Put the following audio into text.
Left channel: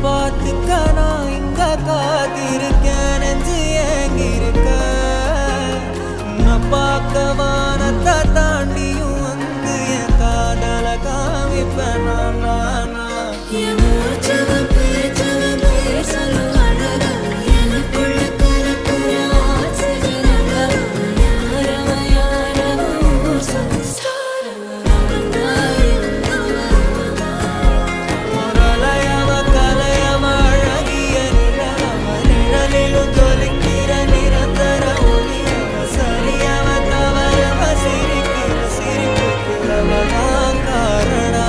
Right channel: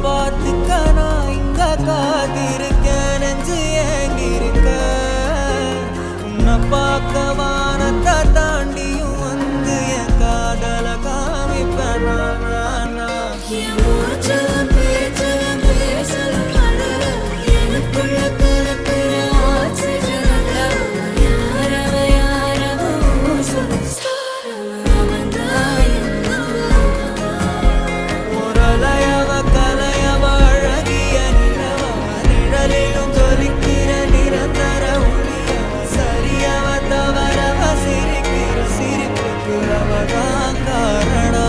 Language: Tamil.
பார்த்துக்க நான் இங்க காத்திருக்கேன் நெஞ்சு ஏங்கிருக்க உன்னை பார்க்க வானத்தை தாண்டியும் வந்து என் காதல காமிப்பேன் நான் சிரிக்கிற சிரிப்புக்கு அவதான் காரணம்.